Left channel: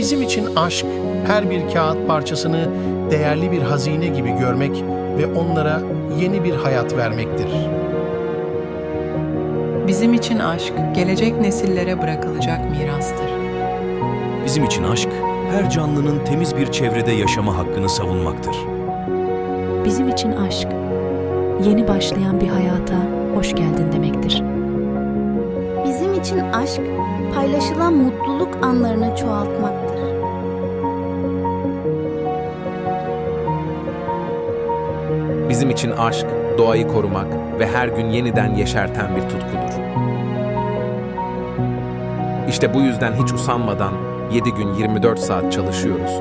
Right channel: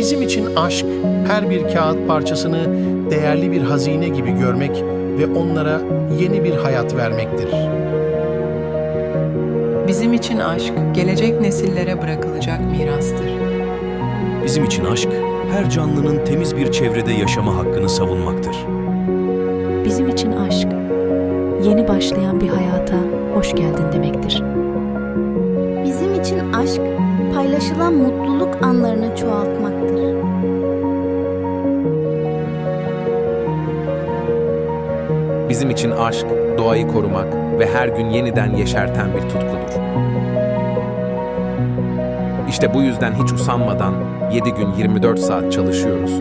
Bizim için aşk, her bir kağıt parçasını değerli bir hazine gibi görmek ve onlara yeni bir hayat vermektir. Bizim için aşk, gelecek nesillere bırakılacak mirastır. Bizim için aşk, her canlının temiz bir çevrede yaşama hakkını savunmaktır. Bizim için aşk, yeni başlayan bir hayata hoş geldin demektir. Bizim için aşk, paylaşılan mutluluk anlarını çoğaltmaktır. Bizim için aşk, doğayı korumak ve her gün yeniden yeşerten bir tutkudur. İşte bu yüzden hiç usanmadan 7 gün 24 saat çalışıyoruz